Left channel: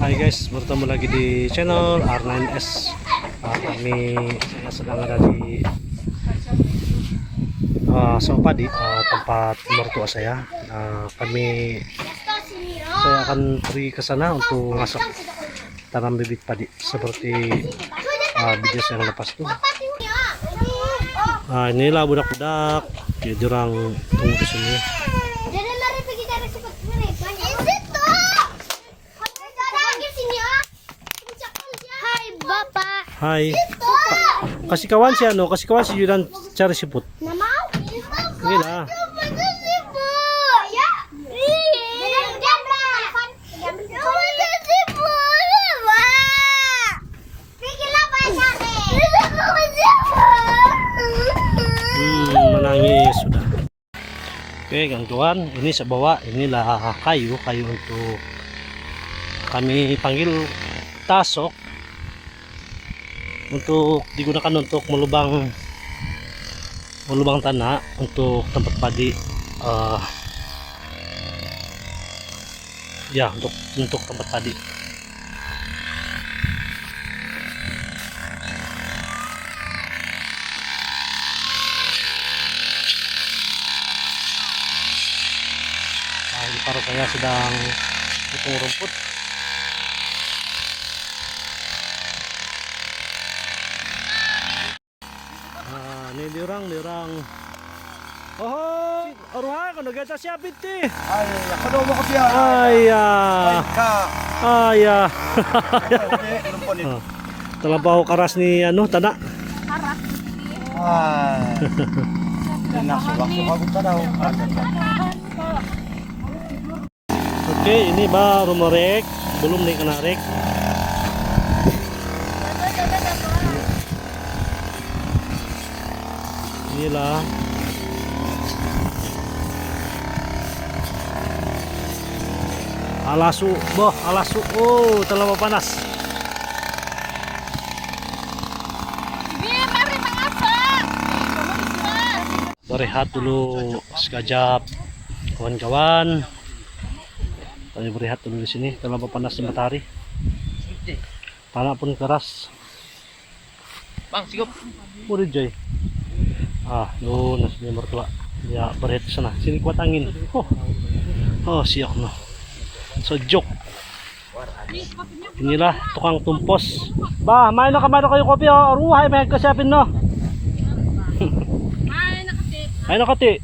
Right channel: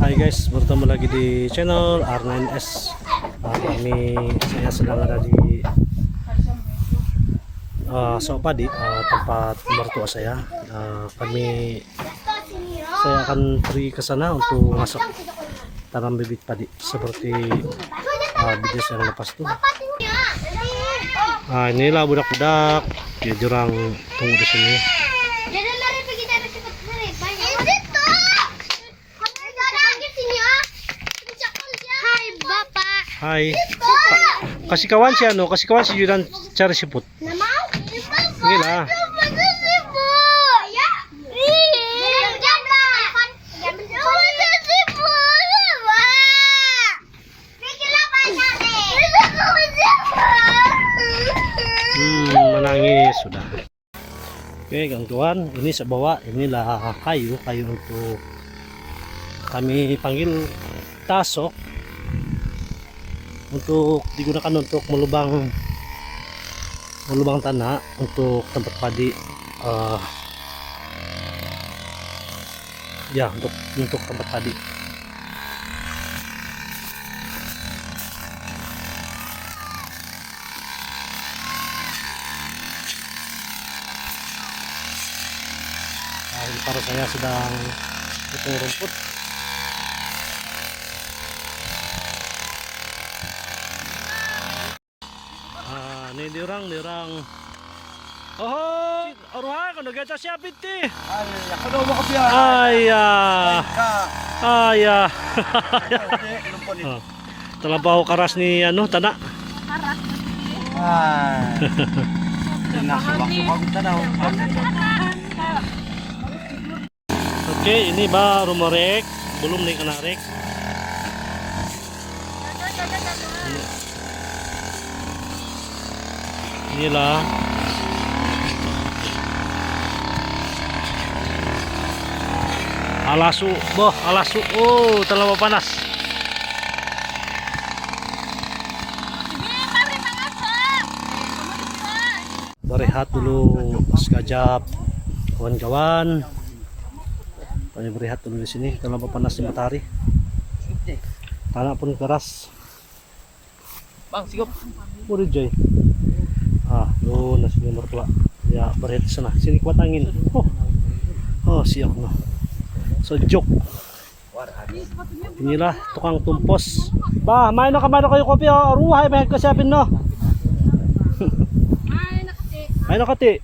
Hai guys, bertemu lagi di channel R9S. Saya sedang ada di Sopadi, tempat mertua saya. Saya akan pergi ke sana untuk masak tanam bibit padi seperti video saya yang lepas tuh. Inilah budak-budak di jurang tunggu di sini. Hai. Kasih kawan si Judan cari siput. Ini lah. Menangis sudah. Oke, kawan-kawan, ini saya bawa inilah kayu untuk kami panggil tasok, untuk digunakan untuk melubang tanah untuk tempat padi, ya untuk tempat padi. Ini para saya sedang hitung rumput. Ini diorang. Oh, aruha kan udah siapin ti. Ay, ako daw mo kapya. Ayah. Terlampau keras nih tanah. Karas Oke, ini baru merek, belum nih kena rek. Inilah alasu, oh terlalu panas. Berehat dulu sekejap, kawan-kawan. Kami berehat dulu di sini, terlalu panas di matahari. Tanah pun keras. Bang, sigop. Udah Joy. Doon nasi mertua. Ya, berehat di sana. Sini kuat angin. Oh, siok no. Sejok. Inilah tukang tumpos. Bah, main na kayo kopi. Ruhay, may kasapin no. Ay nakati.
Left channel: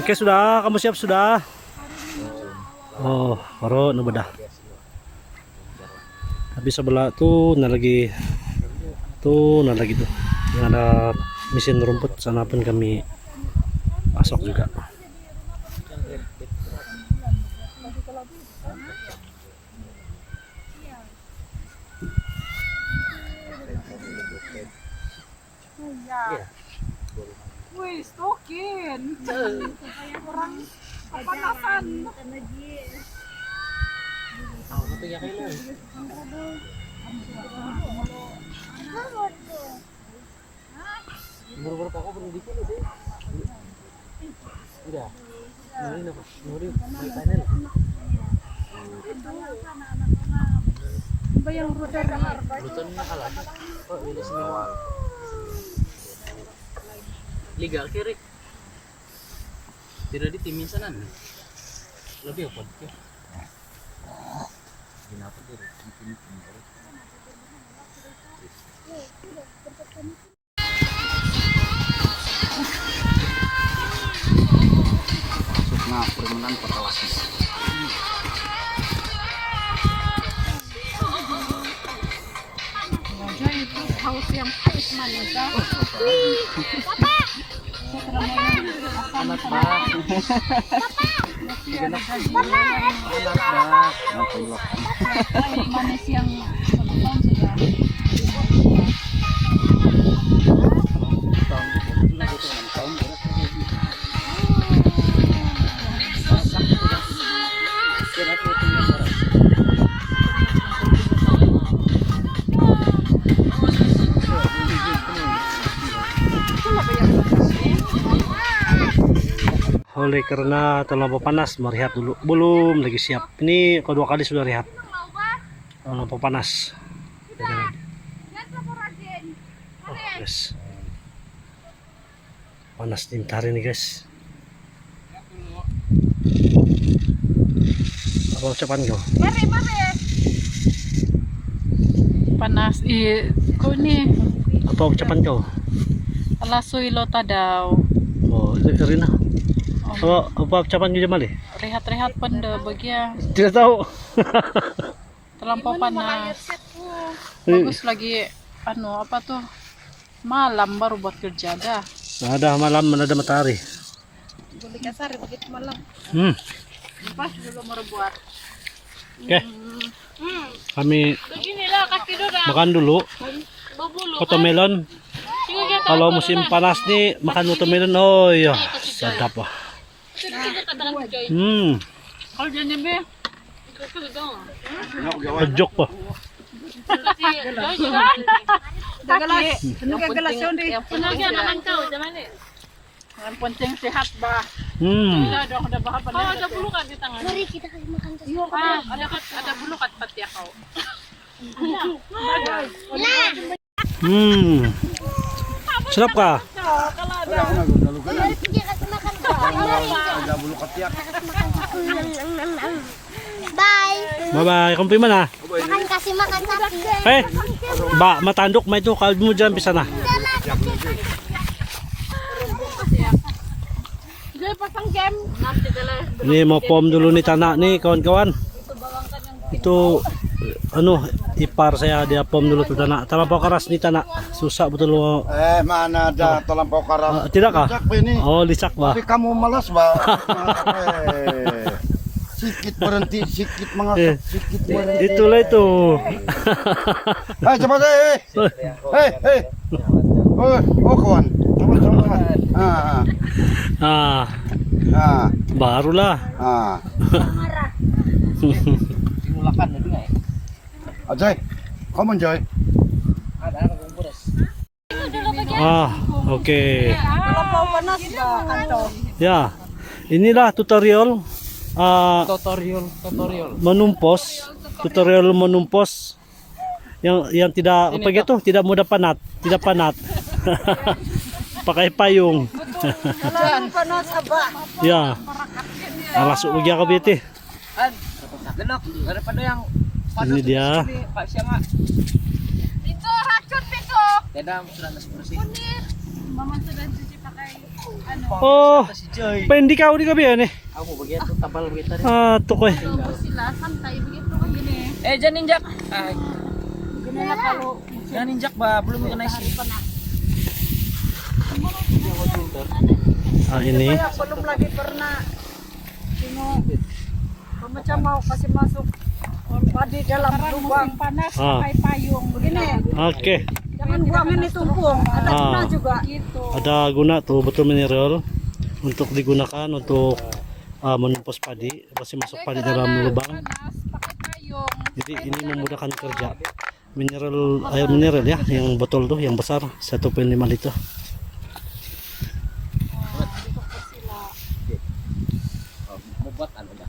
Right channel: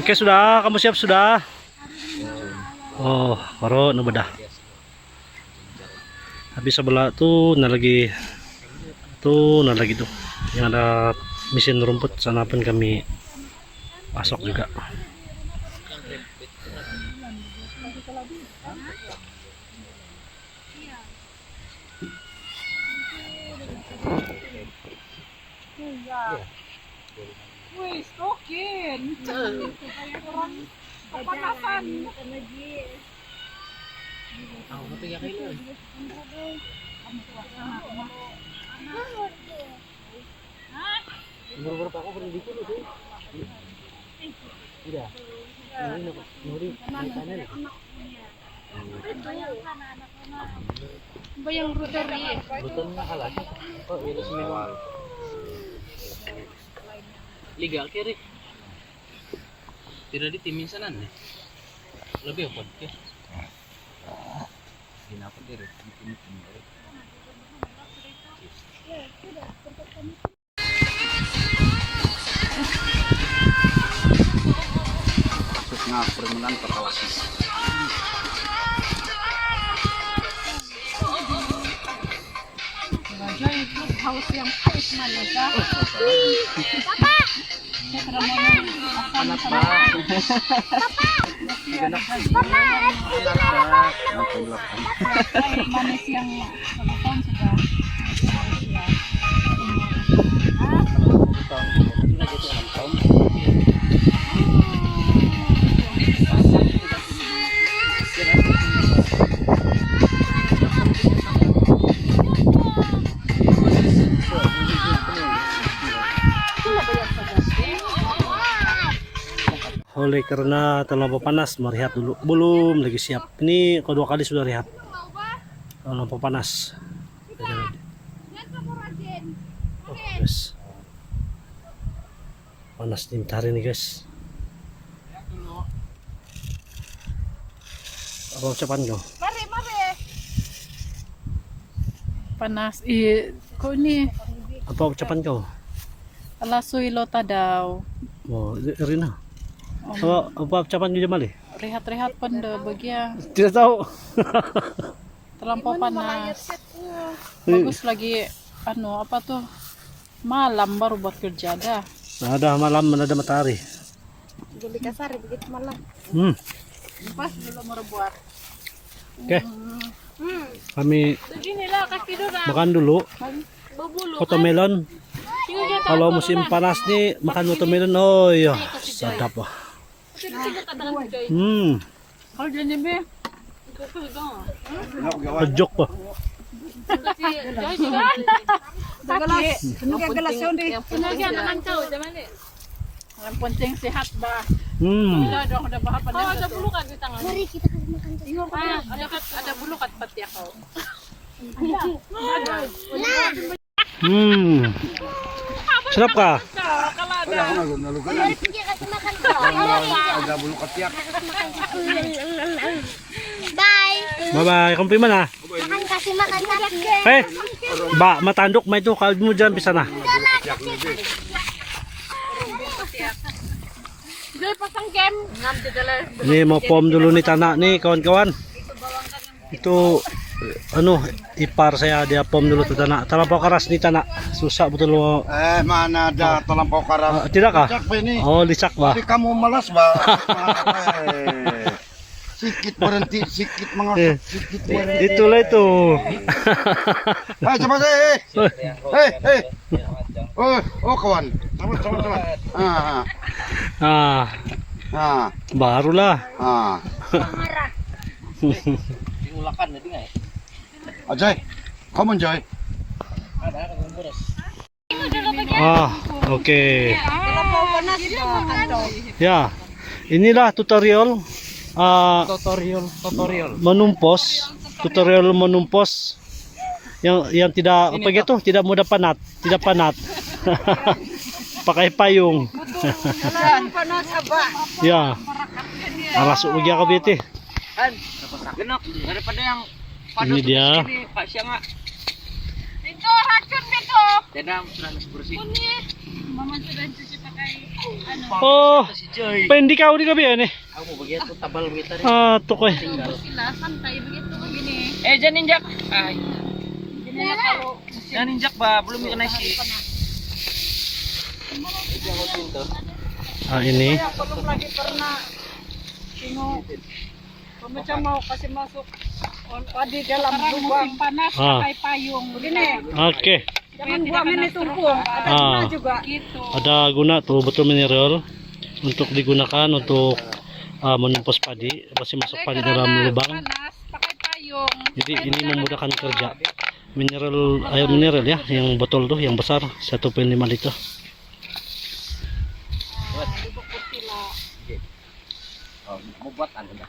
Oke, sudah, kamu siap sudah? Oh, baru bedah. Habis sebelah tuh lagi tuh. Yang ada mesin rumput sana pun kami pasok juga. Wih, stokin. Kurang kepanasan. Berapa aku beri di sini sih? Udah. Nuri panen. Apa yang rutornya? Rutornya alas. Oh, ini semua. Liga kiri. Tidak di timin sanan nih. Lebih apa ke? Kenapa diri? Nah, permainan peralatan. Raja itu haus yang pahit manis. Saya terlalu asam sama. Pahit manis yang 1 tahun sudah. Ito ba yung oleh karena terlalu panas merehat dulu. Belum lagi siap. Ini kedua kali sudah rehat. Terlalu panas. Oh, guys. Panas di matahari nih guys. Apa ucapan kau? Panas. Kau ni. Apa ucapan kau? Alasoy lota daw. Oh, Rina. Apa ucapan kau Jamal? Rehat-rehat panda bagya. Tidak tahu. Terlampau panas. Bagus lagi apa tuh? Malam baru buat kerja dah. Ada malam, ada matahari. Beli kasar begitu malam. Pas dulu merebuat. Oke. Kami makan dulu. Watermelon. Kalau musim panas nih makan watermelon. Oh iya, sedap wah. Kalau jadi be. Ajok pa. Galas. Galas yun di. Ang penting sehat ba. Ada bahan pa. Oh, ada bulukat di tangan. Mari kita makan Iyo, ada bulukat pati ako. Sedap kah? Mari pergi kasih makan Ada bulu ketiak. Bye. Bye bye. Kumpi mana? Makan kasih makan sapi. Ba matandok may itu kalau mo dyan bisa na. Ini mau pom dulu nih tanah nih kawan-kawan. Itu ipar saya dia pom dulu tuh tanah. Terlampau keras nih tanah. Susah betul lo. Mana ada terlampau keras. Tidak kah? Licak, ini. Oh, licak bah. Tapi kamu malas, Bah. Sikit berhenti, sikit mengasap, sikit berhenti. Itulah itu. Coba oh kawan. Barulah. Tingulakan itu nggak ya? Ajay, kamu Joy. Oke. Terlampau panas ba kanto. Ya, inilah tutorial. Tutorial. Menumpos, tutorial menumpos yang tidak apa gitu, tidak mudah panat, tidak panat. Pakai payung. Panas aba. Ya. Alasuk lagi aku bete. Genap daripada yang Ini dia. Pak Syama. Itu racun beko. Tidak sudah bersih. Mama sudah cuci pakai Oh, pendi kau di kabian nih. Kamu begitu tabal begitu. Tukoy. sila santai begitu gini. Jangan injak. Gini na kalau Jangan injak, Bah. Belum kena sih. Ini. belum lagi pernah macam mau kasih masuk padi dalam lubang panas pakai payung begini. Oke. Jangan buangin di tumpung. Ada guna juga. Gitu. Ada guna tuh betul mineral untuk digunakan untuk menumpos padi, pasti masuk padi dalam lubang. Pakai payung. Jadi ini memudahkan kerja. Mineral air mineral ya, yang botol tuh yang besar 1,5 liter. Mau buat anu dah.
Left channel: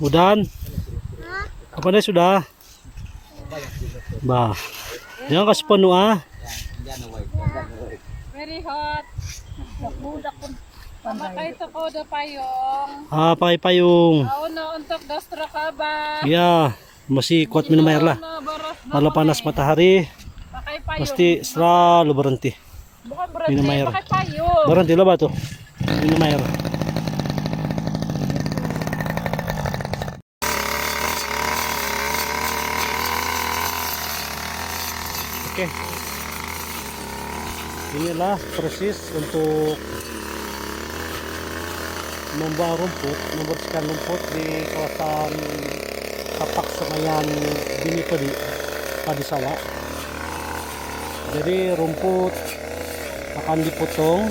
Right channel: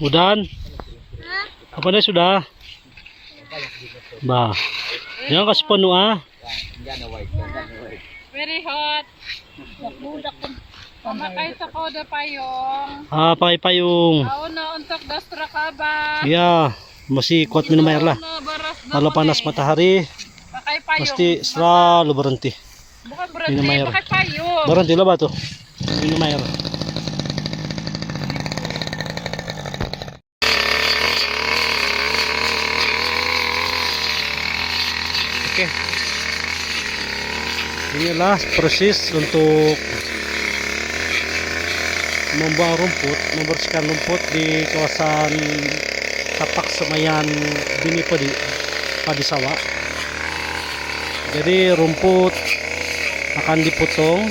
Mudahan. Apa nih sudah? Bah. Jangan kasih penuh Very hot. Pakai toko da payung. Pakai payung. Ano untuk dastra kaba. Ya, masih kuat minum air lah. Kalau panas matahari, Pakai payung. pasti selalu berhenti. Bukan berhenti, Minum air. pakai payung. Berhenti lah batu. Minum air. Oke. Inilah proses untuk membuang rumput, membersihkan rumput di kawasan tapak semayan Bini Padi Sawah. Jadi rumput akan dipotong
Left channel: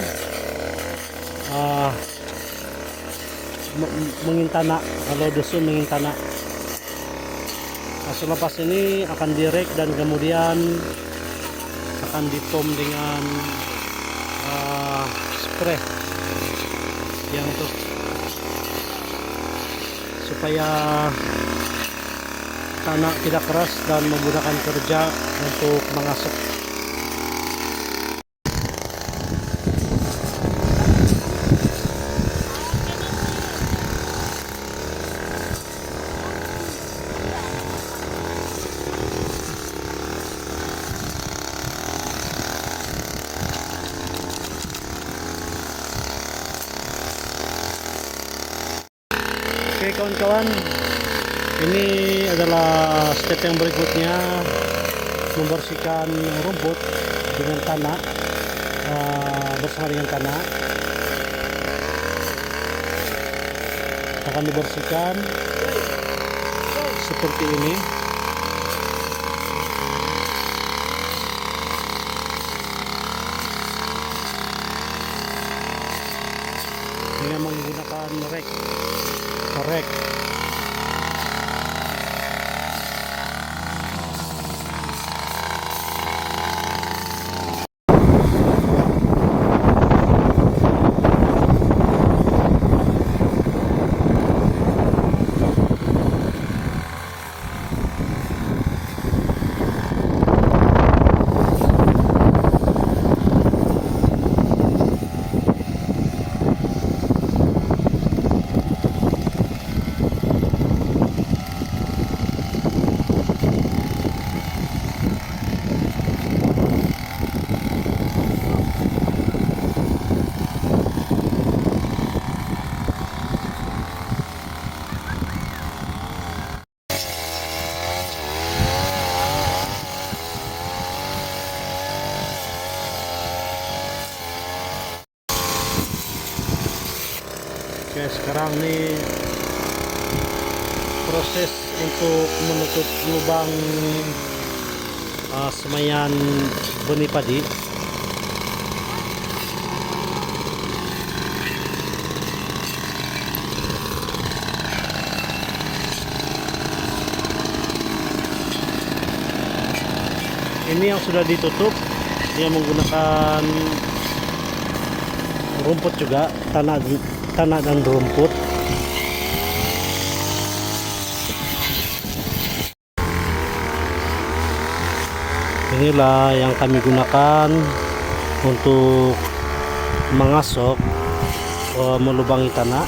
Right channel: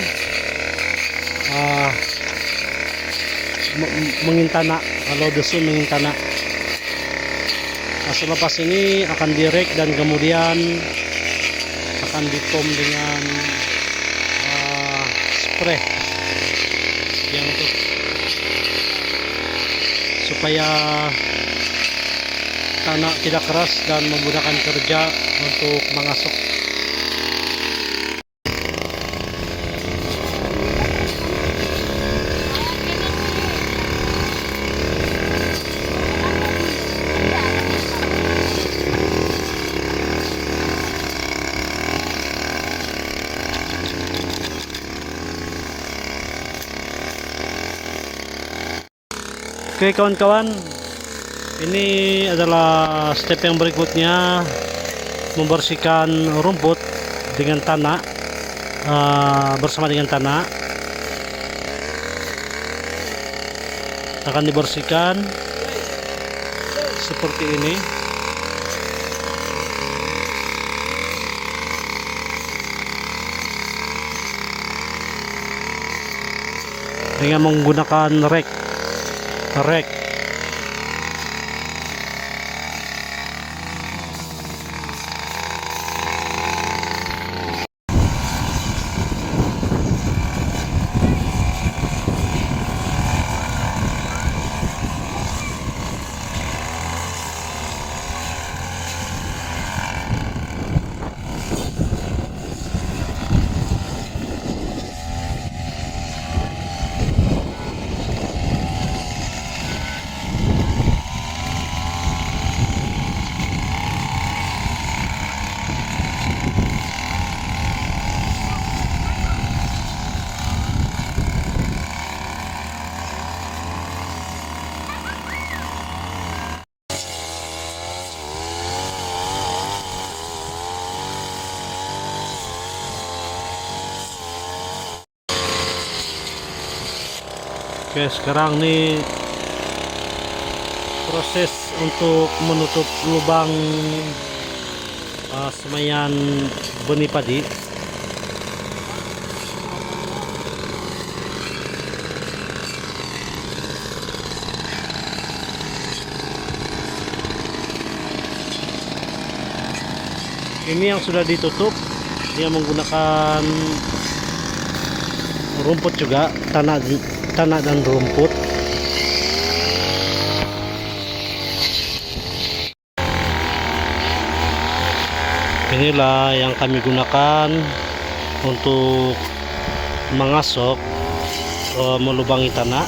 mengintana, kalau dusun mengintana Nah, selepas ini akan direk dan kemudian akan dipom dengan spray yang untuk supaya tanah tidak keras dan memudahkan kerja untuk mengasuk. Oke kawan-kawan, ini adalah step yang berikutnya, membersihkan rumput dengan tanah, bersama dengan tanah akan dibersihkan seperti ini. Dengan menggunakan rek. Oke, sekarang nih proses untuk menutup lubang semaian benih padi. Ini yang sudah ditutup, dia menggunakan rumput juga, tanah dan rumput. Inilah yang kami gunakan untuk mengasok, melubangi tanah.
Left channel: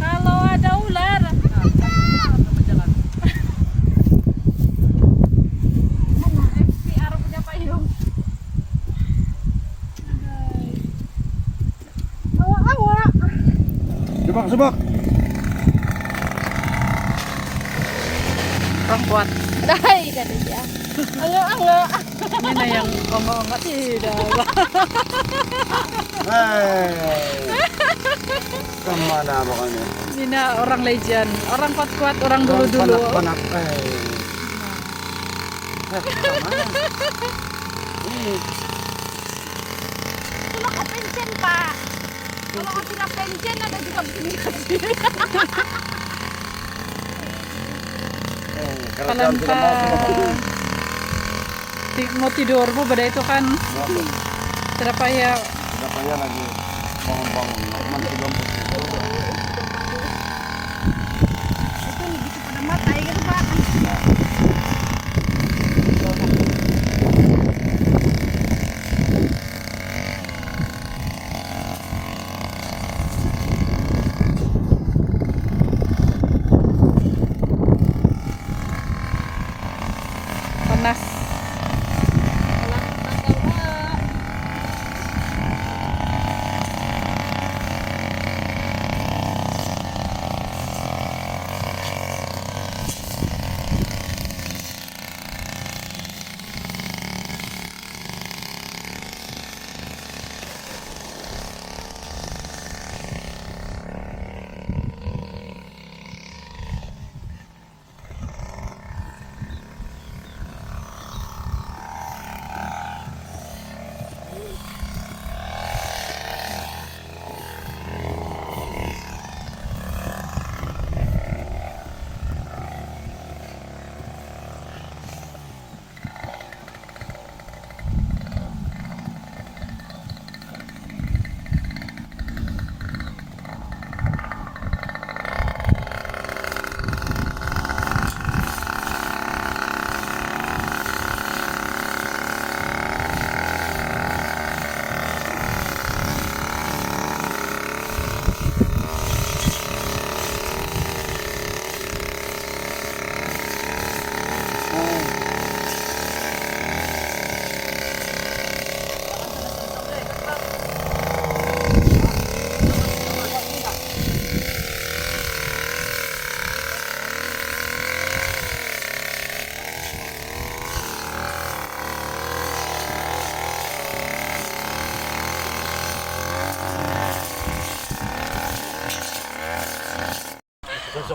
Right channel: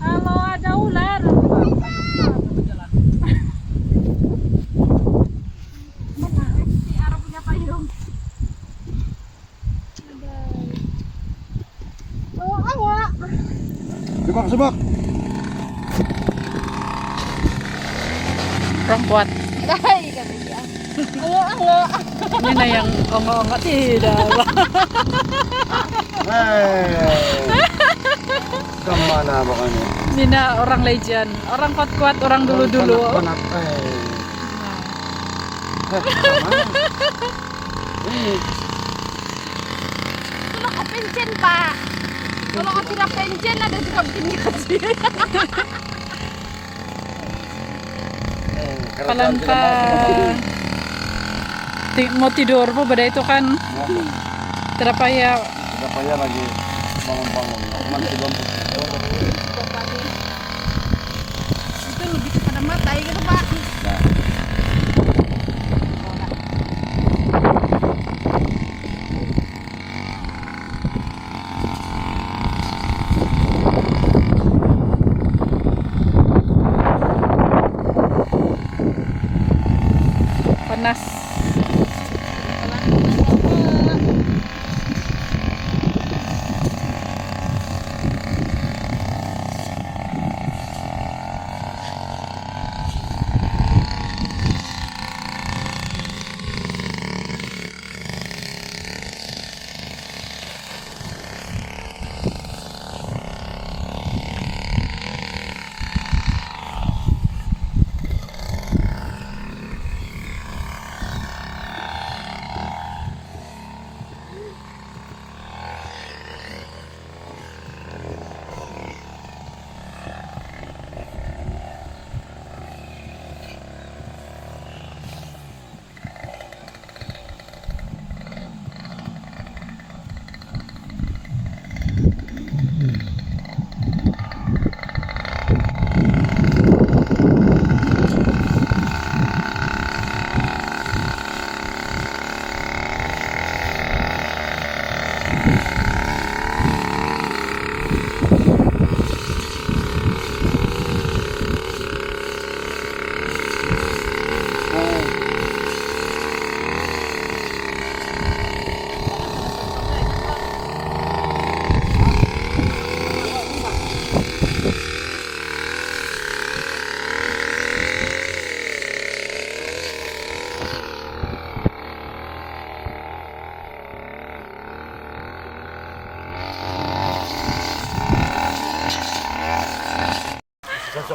Kalau ada ular. Si Aro punya payung. Awak-awak. Sebak. Orang kuat. Dai kata dia. Enggak. Ini nah yang enggak tidak. Hei. Kemana makanya? Nina orang legend, orang kuat-kuat, orang dulu-dulu. Panak. Kemana? Kalau kau pencen pak. Kalau kau tidak pencen ada juga begini kasih. Kalian mau tidur mau pada itu kan tidak payah. Tidak payah lagi bangun-bangun. Itu lebih kepada mata ya gitu pak. Panas.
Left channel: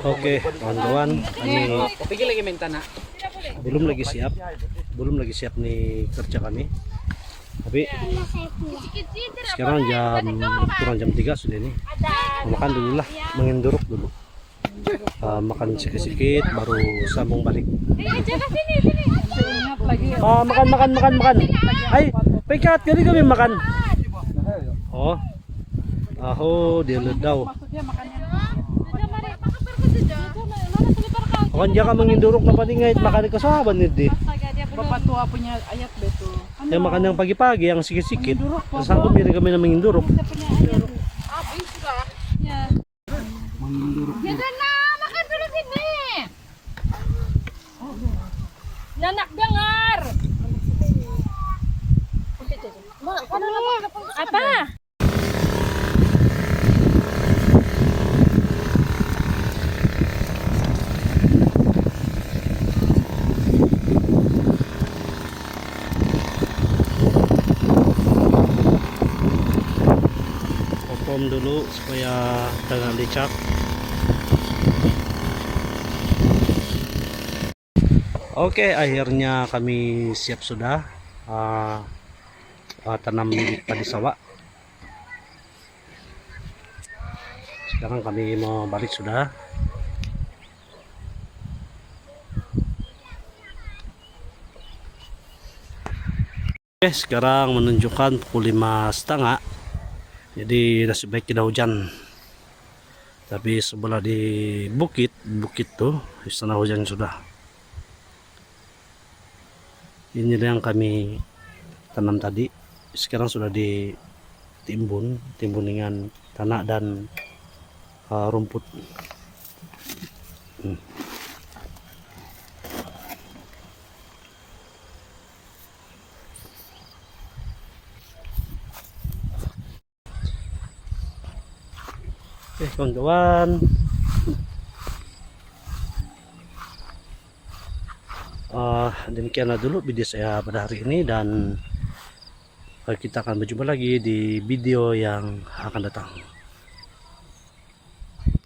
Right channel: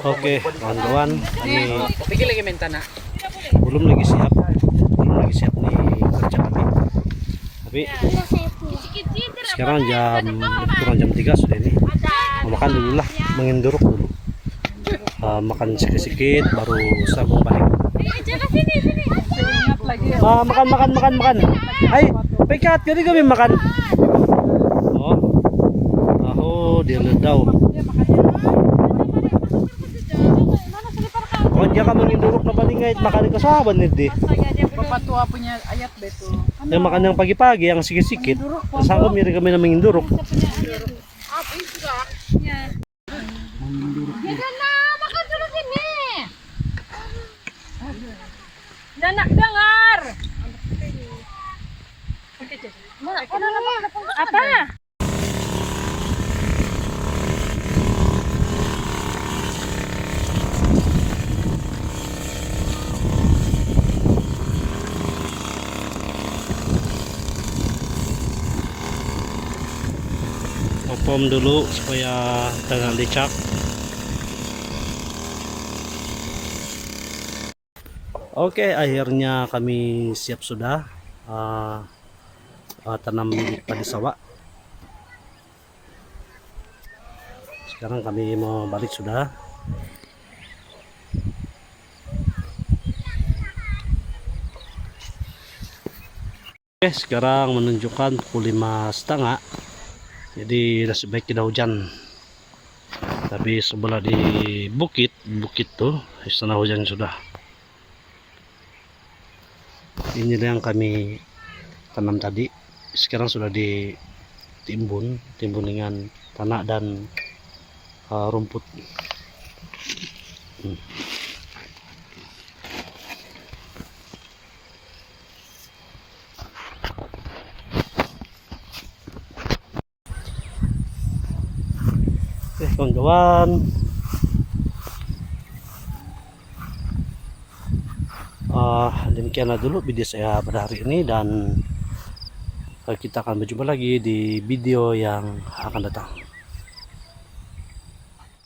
Oke, kawan-kawan, kami belum lagi siap nih kerja kami. Tapi sekarang kurang jam 3 sudah ini. Makan dulu lah, menginduruk dulu. Makan sedikit baru sambung balik. Ingat lagi. Makan. Ay, pecat jadi kami makan. Oh, dia daw. Oh, dia ka menginduruk na palingay, makan ka sa hindi. Papatua punya ayat betul. Ay, makan ng pagi-pagi, ang sikit-sikit. Sa kami rin kami na menginduruk. Jangan lah, makan dulu sini. Nak dengar. Apa? Popom dulu supaya jangan licak. Oke, akhirnya kami siap sudah tanam bibit padi sawah. Sekarang kami mau balik sudah. Oke, sekarang menunjukkan pukul 5:30. Jadi nasib baik tidak hujan. Tapi sebelah di bukit tuh istana hujan sudah. Ini yang kami tanam tadi. Sekarang sudah ditimbun dengan tanah dan rumput. Oke, kawan-kawan, demikianlah dulu video saya pada hari ini, dan kita akan berjumpa lagi di video yang akan datang.